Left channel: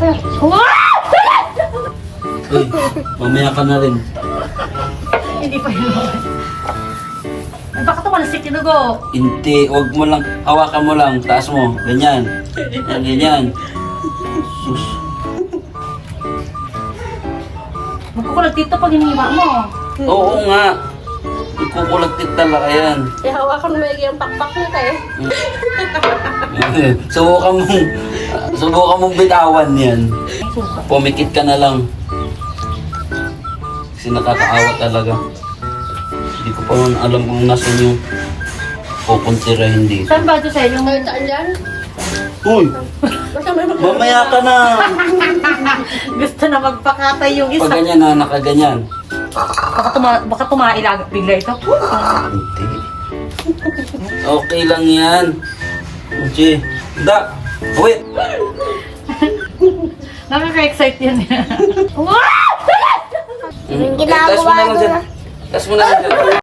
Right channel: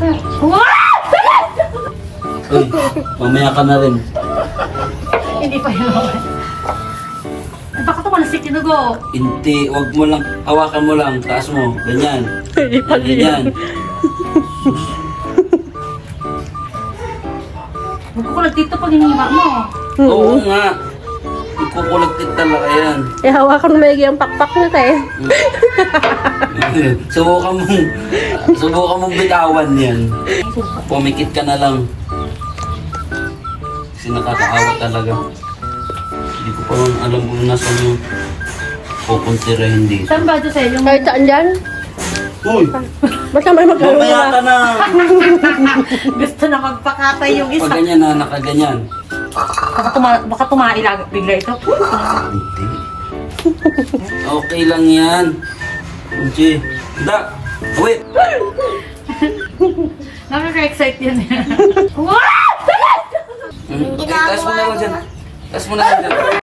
Uy, mamaya ka na rin. Hindi pa yun naman. Ay, baka tumalasik yung dugo. Hindi, wag mo lang, hawakan mo lang, taas mo, ganyan. Yan, ganyan. Magkukulag dito pag hinihiwa mo. Oo nga. Ikukulagtit talaga yan. Eh, hawakan mo maigi ang pakpak mo eh. Subukan mong bitawan yan. Pumikit ka na lang. Kasi nakakaawa talaga. Hindi ko pa man alam kung nasan yung pupuntirahin dito. Saan ba ito sa'yo? Yung Kahit saan dyan, Uy! basta may Mamaya ka na! gusto na magpakatay yung isa. Pag ganyan na, nakaganyan. Baka tumailag bigla ito. Hindi. Okay lang yan. Uchi. Da! Wait! Nakaka-excite yan. Taas mo na lang dyan. Taas mo na lang dyan.